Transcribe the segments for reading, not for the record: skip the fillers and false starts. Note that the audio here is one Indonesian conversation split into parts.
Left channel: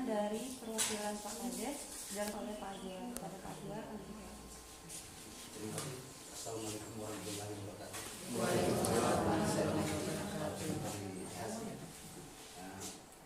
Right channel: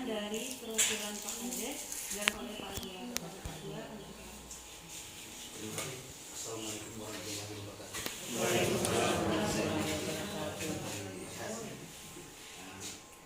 pertanyaan dari perwakilan Pak Kades dan oleh Pak Dia. Pak Dia. Assalamualaikum warahmatullahi wabarakatuh.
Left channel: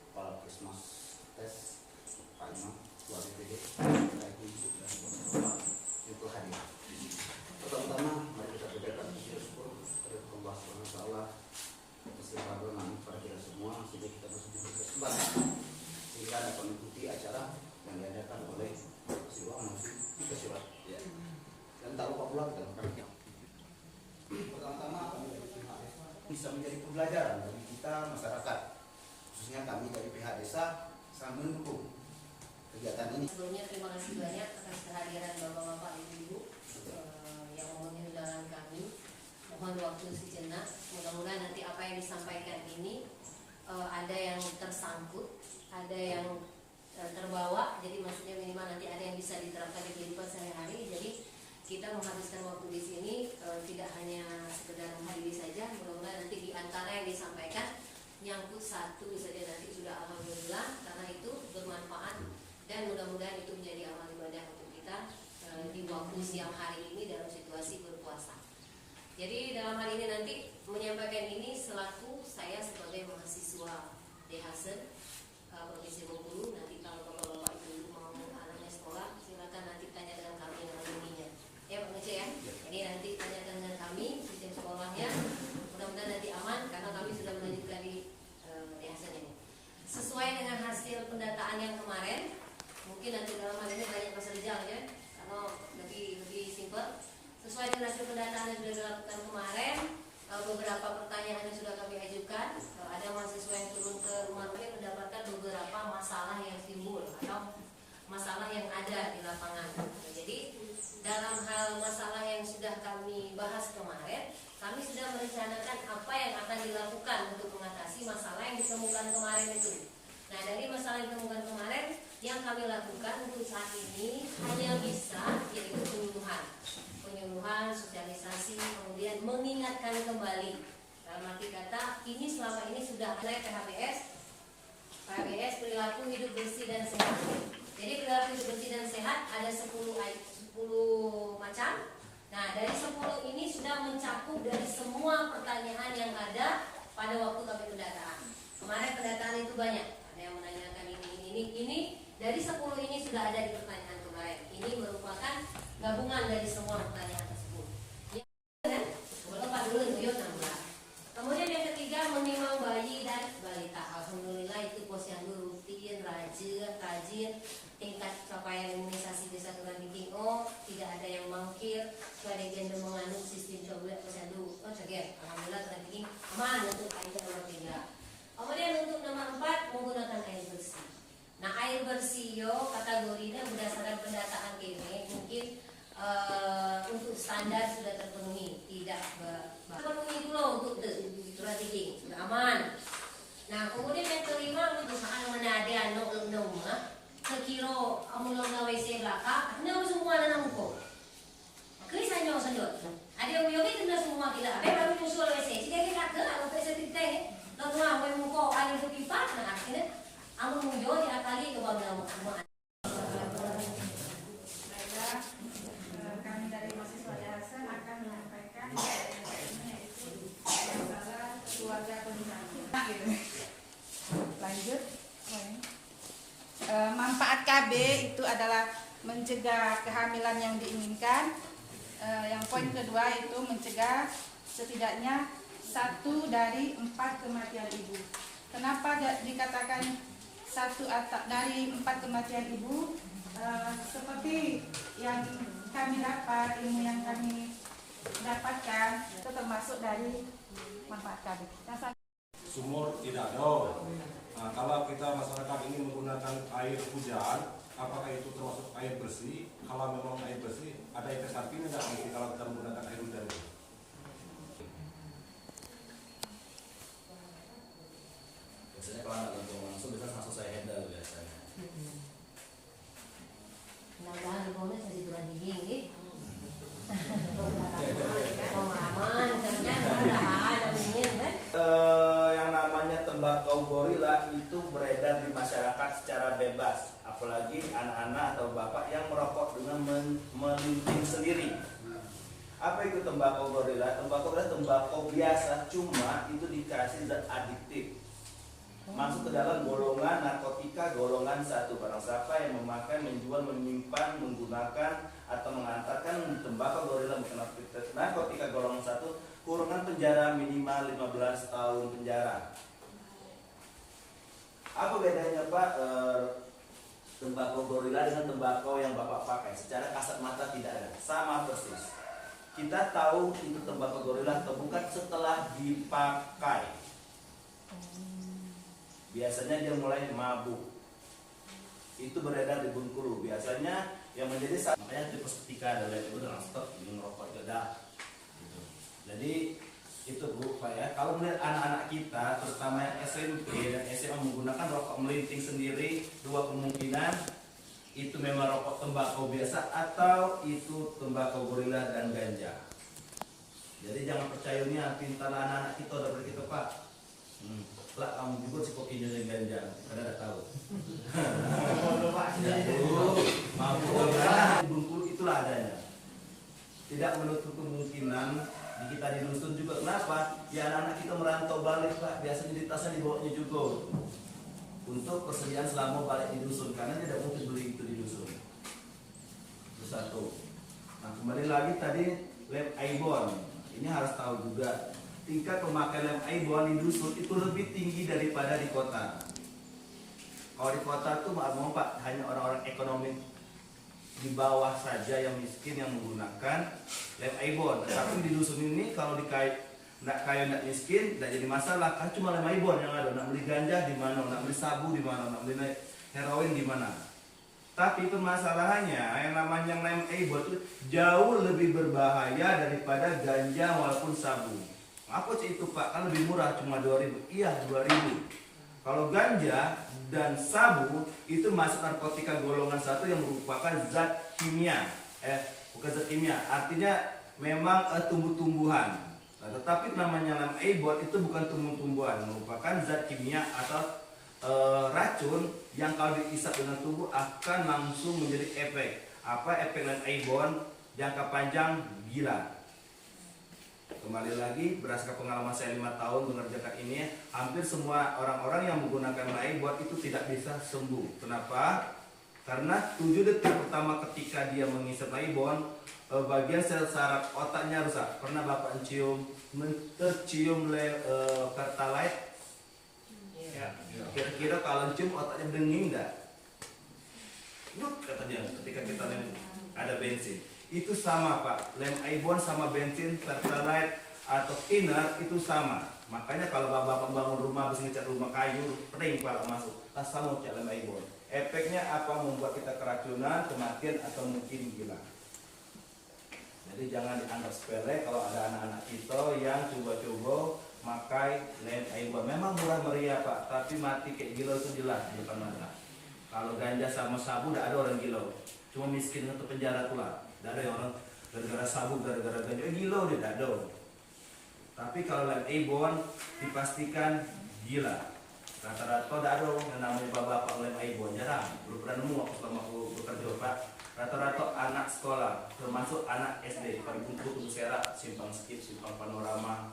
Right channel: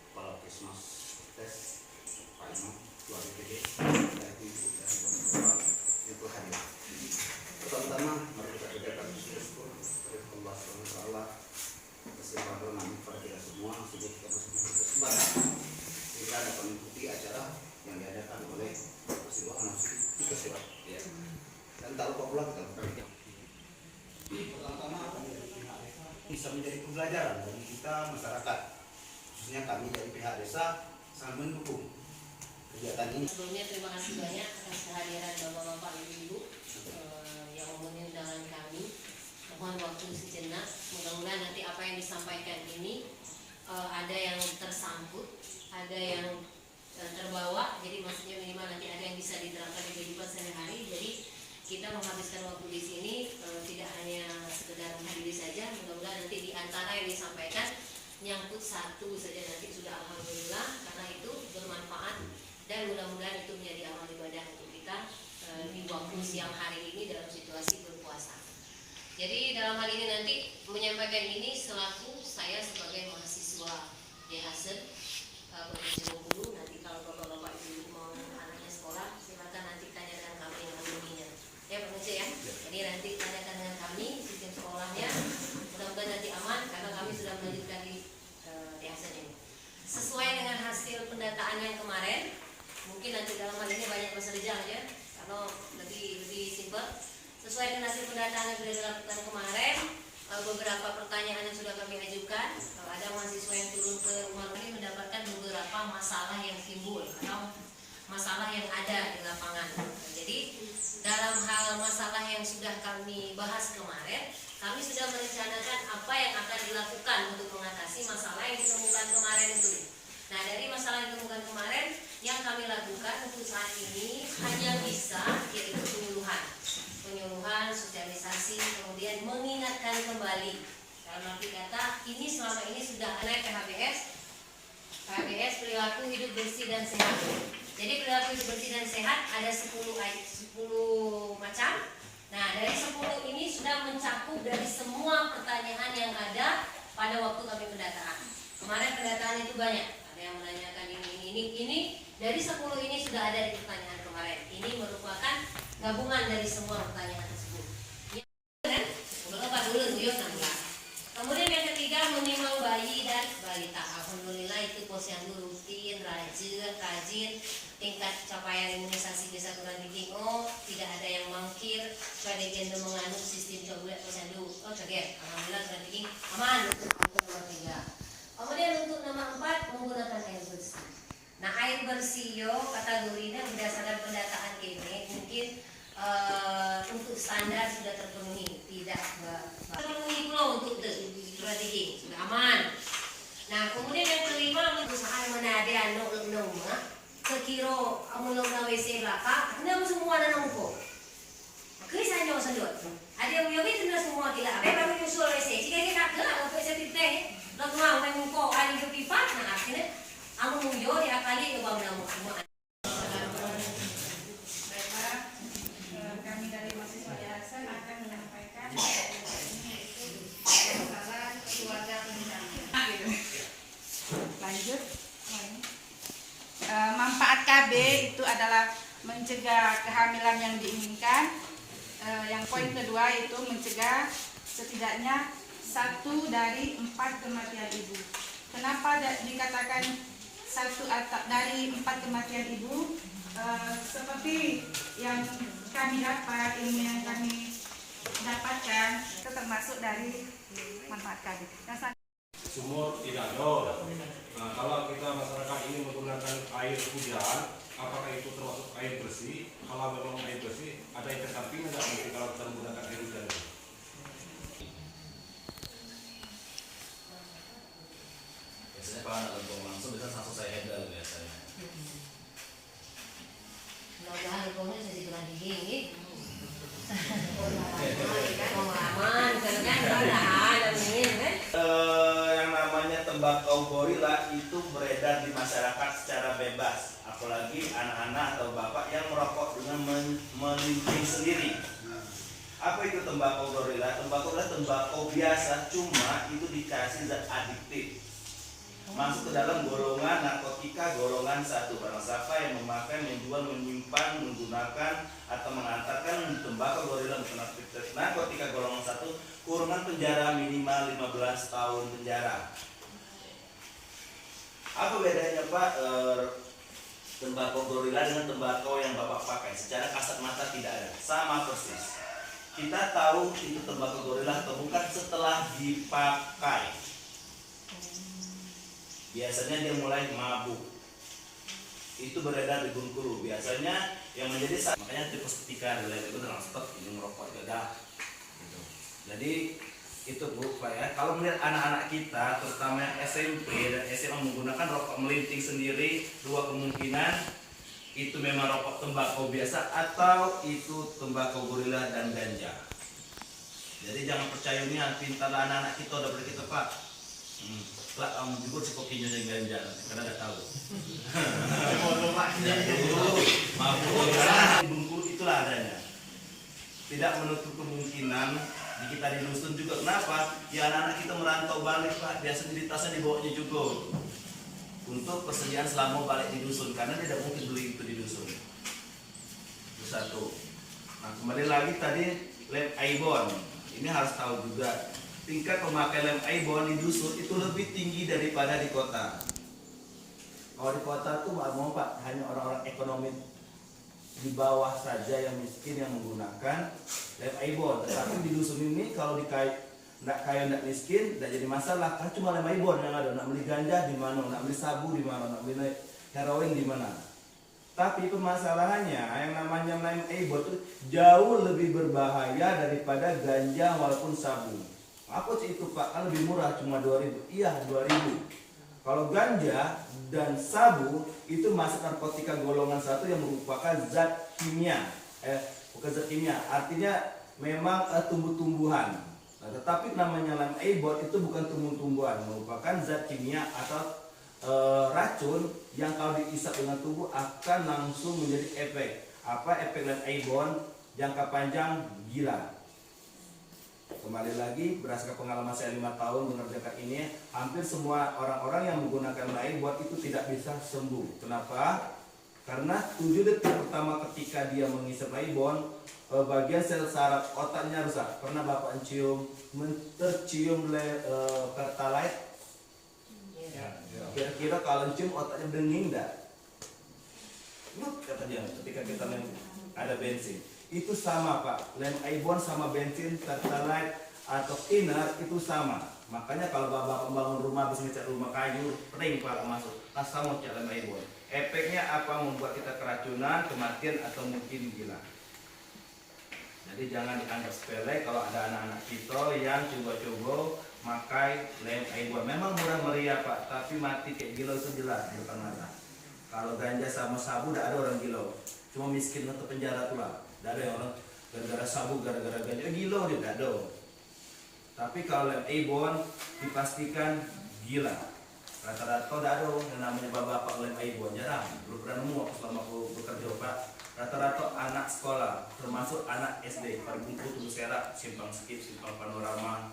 Kepala Puskesmas Tes Pak Imam, Ketua DPD, itu hadir. Pertama-tama mari kita berikan bersyukur kepada Allah SWT atas limpahan kepada kita semua sehingga kita bersama berkesempatan sehingga dapat mengikuti acara yang diadakan oleh Persiduhan Tiga Surat. Dan tak lupa pula kita berkata pertama-tama bisa menjadi pembelajaran bagi kita masyarakat, khususnya kami dari pihak desa sangat mendukung kegiatan ini. Sebelumnya terima kasih banyak atas kehadiran bapak-bapak ibu-ibu yang memenuhi undangan kami. Mohon waktu sejenak, mudah-mudahan nanti apa yang disampaikan ini ada yang tersangkut, ada yang terbawa, jadi maksudnya minimal nanti ada yang bisa diterapkan di kehidupan sehari-hari. Jadi kita menghabiskan waktu di sini tidak hanya sekedar menghadiri saja, mudah-mudahan nanti di antara yang disampaikan nyangkut satu saja nanti sudah alhamdulillah, karena itu bermanfaat dan mudah-mudahan itu menjadi amal ibadah untuk kita di waktu siang hari ini dalam situasi berpuasa. Jadi dalam hal ini nanti menyampaikan ini selaku saya sebagai mahasiswa DHSN Provinsi Bengkulu. Nanti kalau bapak-bapak ibu mau anaknya sekolah, silakan nanti tanya dengan kami yang alumninya. Ya Pak Ngece ya. Jadi nanti tanyakan dengan kami sistem sekolahnya. Mudah-mudahan nanti aman karena kami sudah melanjutkan di DHSN ini. Sesuai dengan hasil pendataan yang kemarin, mungkin nanti dalam hal ini banyak bahasa Jawa ya, karena lebih simpel. Sesuai dengan hasil pendataan yang sudah dilakukan kemarin, beberapa pertanyaan yang sudah kami ajukan, ada mahasiswa yang turun ke rumah kami mendapatkan beberapa masalah yang timbul atau masalah yang ada di lapangan. Jadi dalam hal masalah yang sudah kami bahas kemarin, kami sudah merencanakan apa yang akan dilakukan untuk mengatasi masalah yang ditemukan kemarin itu. Nah, dari masalah yang ditemukan kemarin, yang kami lakukan untuk saat ini hanya bisa yaitu penyuluhan, sosialisasi, kemudian mengingatkan kembali. Dalam arti kata, ini selama ini sudah ada PHBS perilaku hidup bersih dan sehat. Jadi perilaku hidup bersih dan sehat ada 10 macam. Nah, dari 10 ini sudah mencakup dari semua pertanyaan yang ada pada waktu kami pendataan. Kemarin pendataan itu banyak. Ada yang menanyakan ini. Dari 10 ini sudah ada di pertanyaan kemarin. Ini merupakan gabungan dari semua pertanyaan tersebut. Kemudian yang ketiga, menimang bayi dan balita. Alhamdulillah itu posyandu rutin, rajin, tingkat capaian imunisasi desa Kelurahan Tinggo tidak ada yang mangkir, sebagai menganut sistem coba posyandu. Alhamdulillah Kelurahan Tinggi aman untuk nomor 3. Kemudian untuk nomor 4 menggunakan air bersih. Nah, air bersih kategorinya berdasarkan pendataan ini mungkin untuk standar sudah terpenuhi, tidak terpenuhi pula untuk strategi sudah aman. Nah, kemudian yang kelima usaha menada nong sekiro amulong na WC belaka, ada semua ada nongko. Kisahnya sendiri. Ada yang itu semua tidak. Apa baru nyusul WC. Jika kita ada untuk WC pipa, lalu mau mengko ada di pipa, nah akhirnya amun mujo diakali ke bawah nama. Kami dari mahasiswa DHSN akan menyampaikan masalah keluarga berencana. Lanjut. Manfaat KB itu adalah mencegah kehamilan yang diinginkan. Yang poin kedua itu mencegah setidaknya 1 dari 4 kematian ibu. Kenapa dikatakan 1 dari 4 kematian ibu? Seperti yang kami dapat, ilmu yang kami dapatkan itu termasuk dari manfaat KB. Sumur tidak ada. Nah, kalau kita masyarakat ini menggunakan air hujan, apakah itu termasuk air bersih? Kalau memang air bersih, ada efek samping nggak nanti kalau kita menggunakan air hujan? Biasanya kalau anak lempung langsung bisa langsung saya handle biasanya. Mudah-mudahan lempungnya saya dibilang gigi. Aman, karena mudah-mudahan Yang namanya tembakau gorila itu beredar di masyarakat secara bebas, apalagi anak-anak atau bapak yang merokok dengan melinting sendiri. Apa itu tembakau gorila? Tembakau adalah tembakau biasa, cuma itu dikasih zat adiktif. Masuk ke dalam golongan narkotika golongan 1. Barang siapa yang memakai, menjual, menyimpan, menggunakan atau mengantarkan tembakau gorila narkotika golongan 1, kurungan penjara minimal 15 tahun penjara. Apa bedanya Pak tembakau gorila dengan tembakau yang Bapak pakai? Secara kasat mata tidak ada, sama persis. Kita tahu itu tembakau gorila atau bukan setelah dipakai. Biasanya dia mulai mabuk. Itu beredar di Bengkulu. Biasanya yang menjadi makanya tipe ketika ada itu dengan stok ini merokok dedah. Gitu. Jadi itu Bu Pak ya. Kalau melihat anak-anak kita terutama yang SMP dan SMA menggunakan rokok melinting sendiri, dua kemungkinan itu memang rokok tembakau biasa atau itu tembakau gorila dan ganja. Jadi jangan percaya ini pintar anak-anak kita udah beri kita Pak. Lah kamu juga si kokinya yang ganja karena nggak tahu. Mabuk di Bengkulu itulah adanya. Tidak menutup kemungkinan di kita di dusun juga. Kenapa? Ya anak-anak kita merantau balik Pak. Biasanya di tasnya dibawanya juga untuk persediaan selama balik di dusun karena tidak mungkin beli itu di dusun. Itu satu. Nah kembali lagi tadi lem Aibon. Ini harus tahu juga tingkat pemakai lem Aibon di dusun itu lebih tinggi daripada di kota. Kalau di kota tuh Pak hanya orang-orang ekonomi di bawah saja yang miskin yang menggunakan lem Aibon. Tapi di dusun ini kalau nggak kaya nggak miskin, nggak jadi masalah kan cuma lem Aibon yang ada. Nak beli ganja di mana, nak beli sabu di mana, nak beli heroin di mana. Tapi permasalahannya yang namanya lem Aibon itu jauh lebih berbahaya daripada ganja walaupun sabu. Apa sih itu Pak? Kan lebih murah cuma 2.000. Iya 2.000. Kalau ganja dan sabu itu masuk narkotika golongan 1 yang merupakan zat kimia. Bukan zat kimia, artinya memang tumbuh-tumbuhan. Nah, tetapi namanya lem Aibon itu bukan tumbuh-tumbuhan, merupakan zat kimia atau racun yang kalau diisap dengan tubuh akan langsung menjadi efek. Apa efek lem Aibon? Jangka panjang gila. Kembali lagi berdasarkan pengalaman saya 5 tahun mengerjakan ini, hampir semua orang-orang yang menggunakan lem Aibon itu tidak bisa sembuh. Kenapa? Karena 7 detik pertama ketika dia menghisap lem Aibon, bagian sel saraf otaknya rusak. Pernah Bapak tercium Pertalite? Kira-kira kalau cium otaknya denging enggak? Yuk kata dia ketika kita ada bensin. Itu sama Pak, lem Aibon sama bensin, Pertalite atau thinner itu sama. Makanya kalau bapak bangun rumah habis ngecat rumah kayu, pering Pak masuk, sama cat lem Aibon. Efeknya apa? Membuat kita keracunan, kematian atau mungkin gila. Jadi jangan dianggap sepele kalau ada anak-anak kita yang coba-coba makai lem Aibon. Memang murah meriah Pak, tapi mati kayak gila itu jelas di depan mata. Kalau ganja sama sabu tidak ada orang gila, cuma miskin atau penjara tuh lah. Tidak ada yang orang gara-gara sabu, gara-gara ganja, gila dia tidak ada. Tapi kalau lem Aibon dipastikan gila. Rata-rata tidak ada yang namanya bapak lem Aibon, jarang. Belum pernah nemu aku selama aku bekerja Pak. Rata-rata anak sekolah, termasuk anak SD, Pada Bungku, Tugu Serak, Simpang Skip, Simpang Panorama,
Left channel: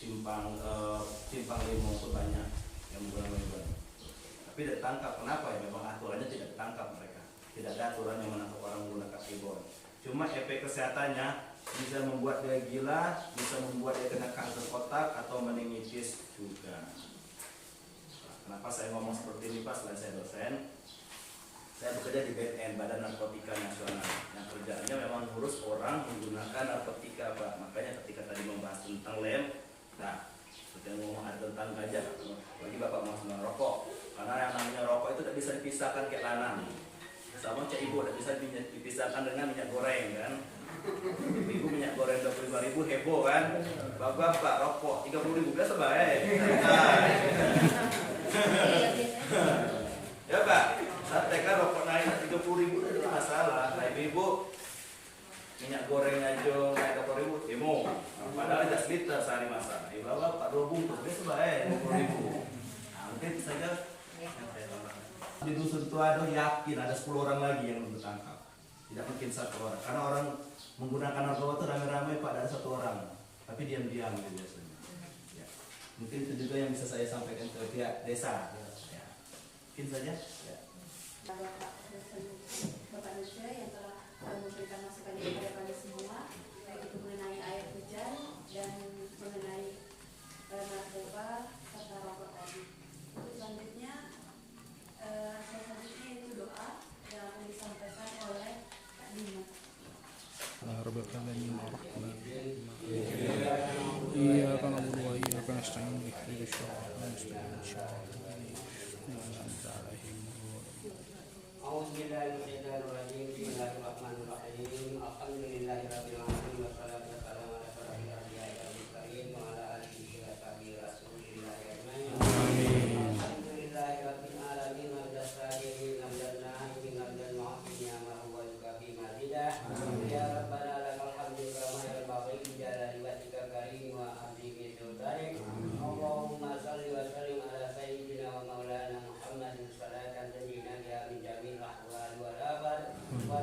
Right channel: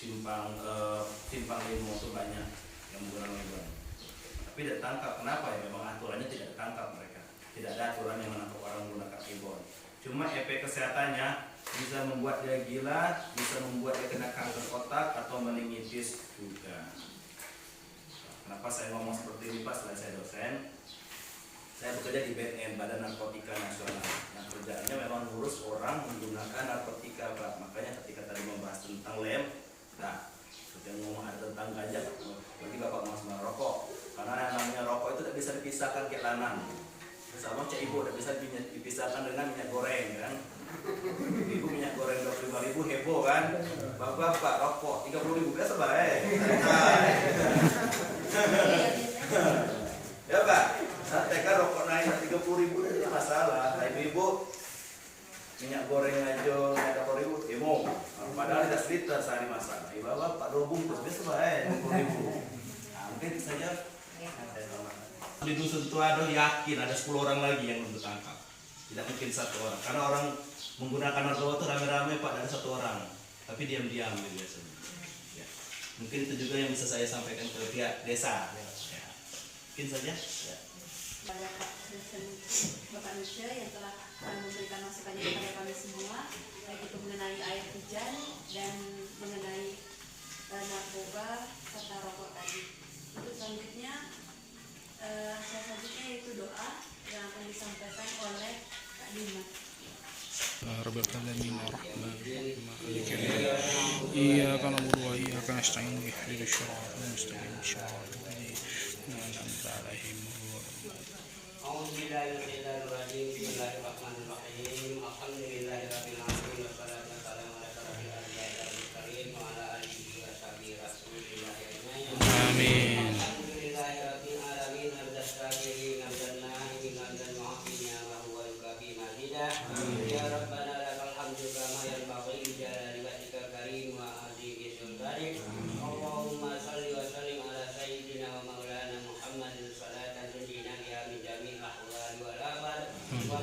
Simpang Limo itu banyak yang menggunakan lem Aibon. Tapi tidak tangkap, kenapa ya? Memang aturannya tidak ditangkap mereka. Tidak ada aturan yang menangkap orang menggunakan Aibon. Cuma efek kesehatannya bisa membuat dia gila, bisa membuat dia kena kanker otak atau meningitis juga. Kenapa saya ngomong seperti ini Pak? Selain saya dosen, saya bekerja di BNN, Badan Narkotika Nasional. Yang kerjanya memang ngurus orang menggunakan narkotika Pak. Makanya ketika tadi membahas tentang lem, nah seperti yang ngomong ada tentang ganja, bagi Bapak mas merokok. Karena yang namanya rokok itu tidak bisa dipisahkan kayak lanang. Sama cak ibu tidak bisa dipisahkan dengan minyak goreng kan. Ibu minyak goreng 25.000 heboh kan. Bapak rokok 30.000 biasa baik. Ya Pak, saat TK rokok naik 30.000 itu masalah. Nah ibu minyak goreng aja naik 20.000 heboh. Padahal tidak seliter sehari masalah. Bapak 2 bungkus biasa baik 20.000. Hampir saja yang saya tahu. Di dusun Tuado yakin ada 10 orang lagi yang belum tertangkap. Tidak mungkin 1 orang. Karena orang menggunakan narkoba itu rame-rame Pak, ada 1 orang. Tapi diam-diam gitu biasanya. Ya. Mungkin itu juga yang bisa saya sampaikan ke pihak desa. Ya. Mungkin saja. Ya. Pada Pak Presiden Bapak Nusya yang telah memberikan masukannya kepada kami semua, baik itu mengenai air hujan dan mengenai narkoba serta rokok tadi. Untuk selanjutnya, itu doa yang akan disampaikan oleh Kak Dima. رب العالمين الرحمن الرحيم مالك يوم الدين إياك نعبد وإياك نستعين اهدنا الصراط المستقيم صراط الذين أنعمت عليهم A'udzubillahiminasyaitonirrajim. Bismillahirrahmanirrahim. Alhamdulillahirabbil alamin wassalatu wassalamu ala asyrofil anbiya'i wal mursalin wa ala alihi wa sahbihi rasulillah ajmain. آمين Alhamdulillahirabbil alamin hamdan na'imin hamdan mu'afina wa huwa yukafi mazidah. Ya Rabbana lakal hamdu kama yanbaghi li jalali wajhikal karim wa azimi sultanik. Allahumma shalli wa sallim ala sayyidina wa maulana Muhammadin salatan tunjina biha min jami'il ahwali wal afat wa